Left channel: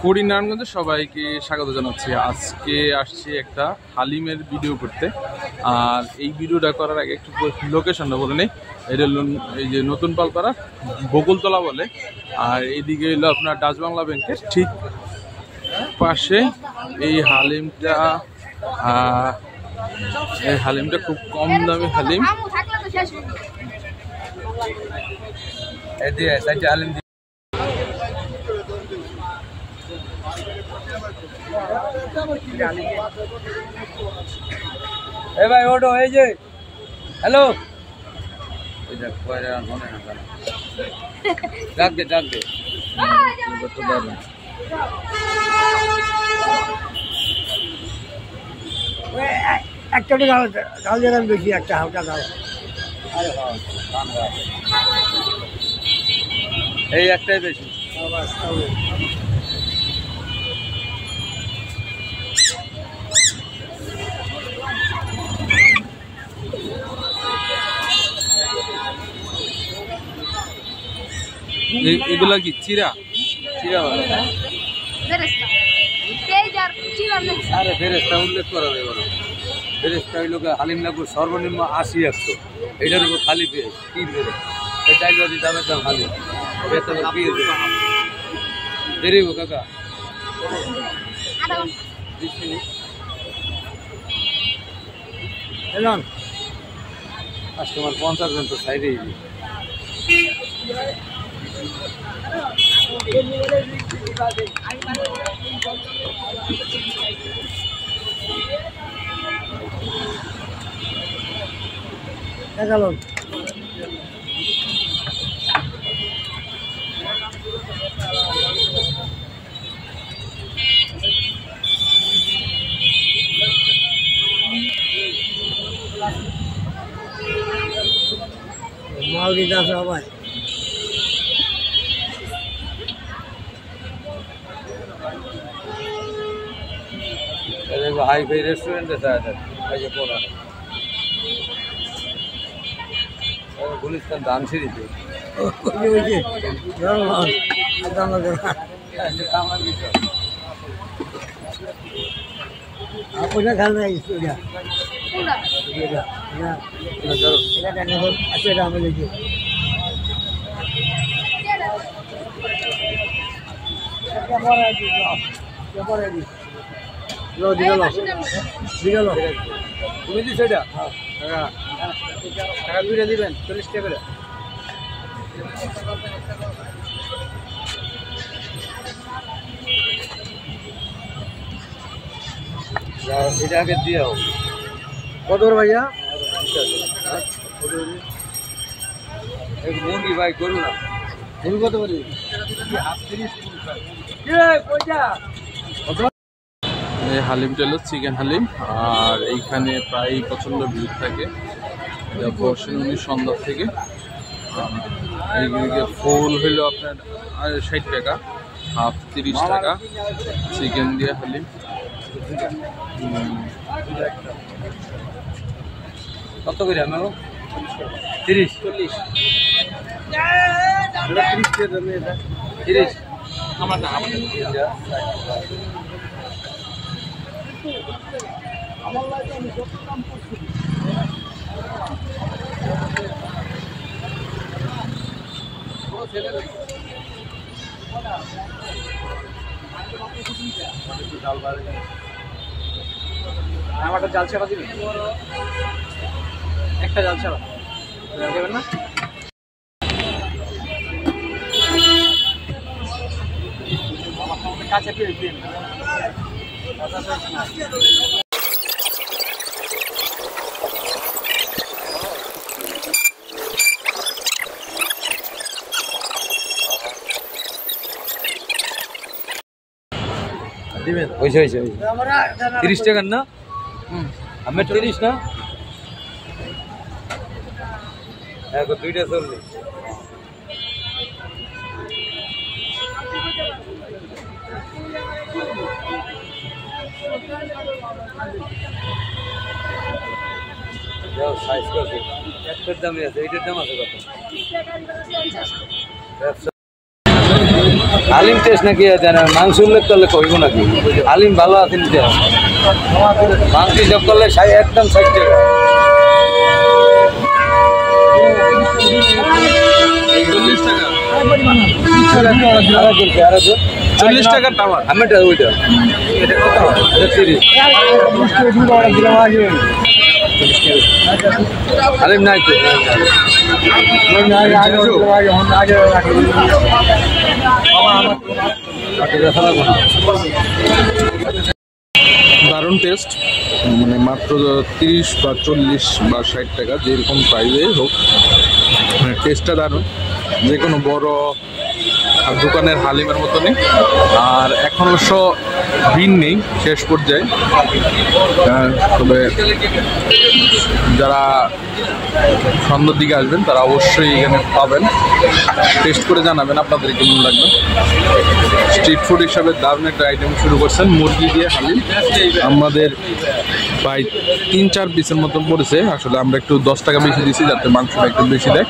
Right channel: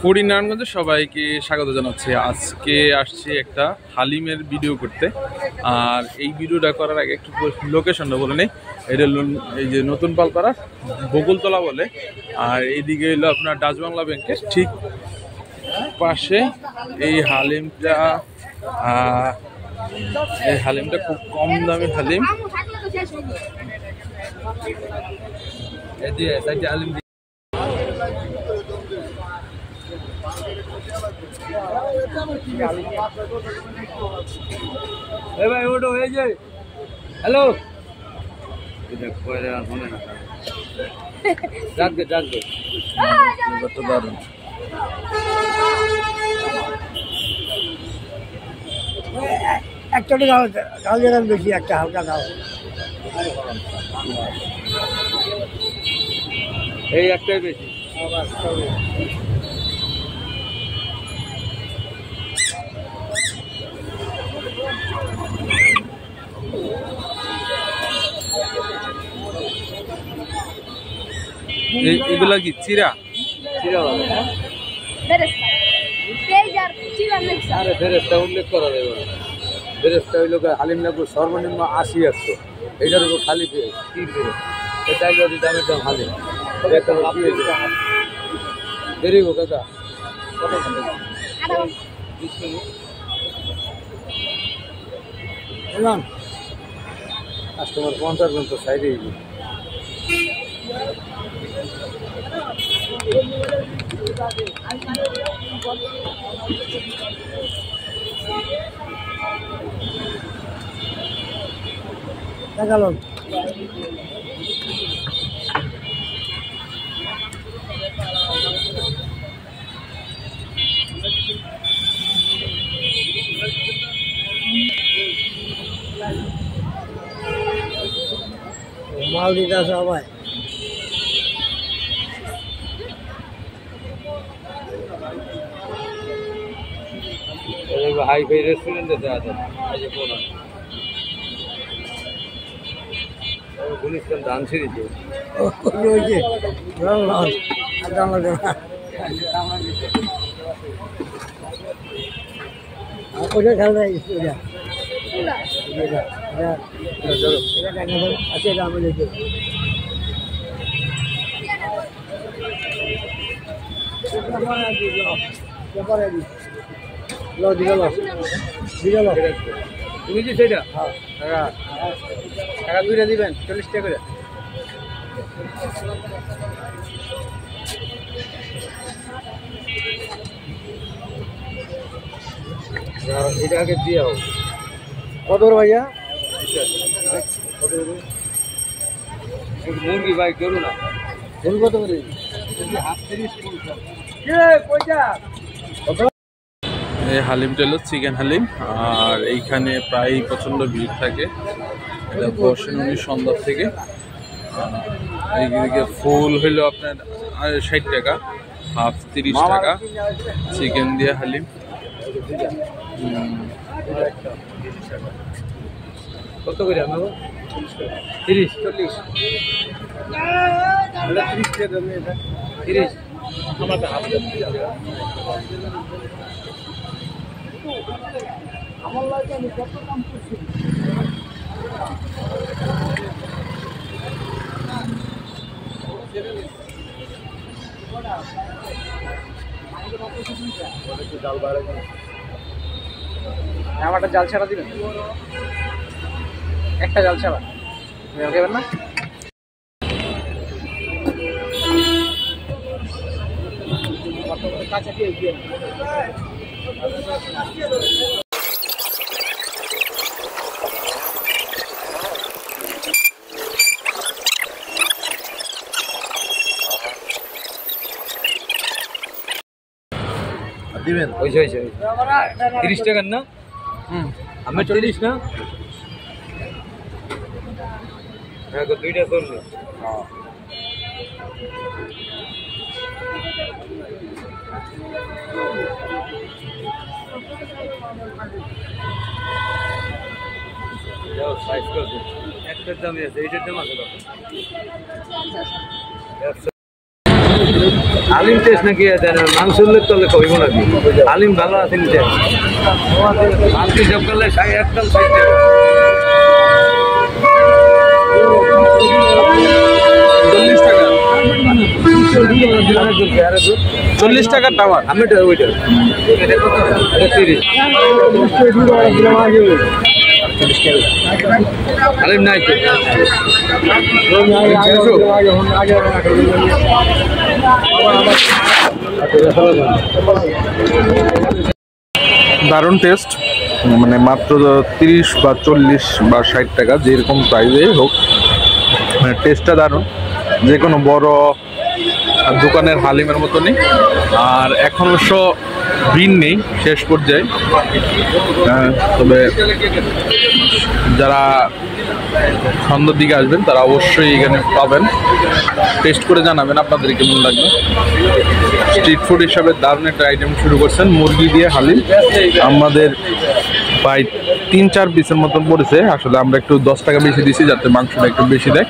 Food in নারায়ণগঞ্জে সবাইকে স্বাগত জানাচ্ছি। আজকে আসছি একটা হালিমের ভিডিও করতে। আর এই ভিডিওটা করার আগে একটু লোকেশনটা বলে নেই। এটা এই যে নতুন পালপাড়া বকুলতলা বলে। আর এইদিকে হলো আপনার ডাচ বাংলা ব্যাংকের ঠিক পাশে এই হালিমটা খুব কম দামে হালিম। ভাই ওটো এই যে হ্যালো ডাক দে একটা ডাল দেবেন বেশি, একটা হালকা ডাল এই একটাই বেশি। এগুলা কি চিরা ফেরেস্তা উল্লেখ করা যাবে না। ফেরেস্তা হইল হালিম লাগবে সর্বনিম্ন 80-100, এটার উপর খালি পেয়ে কি এটাই যদি দামের দাম হালিম দেরি গো কাকা এলাম কাস্টমার 50 জন তো সাইডে দেখালো মাল দিতে আছে সবাই। হাই ফাই রেস্টুরেন্টে গুলিস্তান ধান সিঁড়িতে তুমি দিস এটা টাকা দুইটা দিবেন 40 টাকা করে। এটা আগে দিয়ে হোক কত ভাইয়া মুরগি ভাই করু না গরু কত করে এই হালিমটা হলো চিকেন হালিম। আর এইখানে প্রায় প্রচণ্ড ভিড় থাকে। এটা বসেন উনি সন্ধ্যা থেকে। এইদিকে ফুল হইলো আপনার 60 টাকা, হাফ 30 টাকা, চিকেন দিয়ে হালিম। কত করে আমার 30-40 30 আমার লাগে আমি কত দাম করছি আমারটা জাল ছাড়া দিবেন, একটা জাল ছাড়া দেবেন না। কাছে দিয়ে দিয়ে দিবেন। হয়েছে 30 টাকার না? আমার 30 না, দুইটা 40। সাইজ কত? একটার দামই আছে, এইটার দাম আছে কত? হালিম টেস্ট নাকি মাংস উল্লেখ করলে কইব নাকি হালিম ভালো আছে নিতে মাংস হিসাব করলে একদম 60 টাকা 40 টাকা 40 টাকার টাওয়ার আমি ওইটা হালিম নাই তো দারুণ টেস্ট, মানে মাত্র 30 বা 40 বা 60 টাকা যেরকম প্রাইসে হোক, মানে টেস্টটা দারুণ। যে কোনো বড় দোকানের হালিমের মতনই। আর এখন অবশ্য ভিড় নেই, শেষ পর্যায়ে। তবে যারা সন্ধ্যার দিকে আসবেন তারা অবশ্যই এখানে পাবেন। টেস্ট করে জানাবেন আপনাদের কেমন লাগবে। স্ট্রিট ফুড হিসাবে দারুণ একটা আইটেম শুরু করছেন, মুরগি দিয়ে হালিম। আমাদের প্রায় 3-4 পিসের মতন পড়েছে। আসলে আমরা একটু 10 টাকা বেশি দিয়েছি যাতে মাংসটা একটু বেশি দেয়।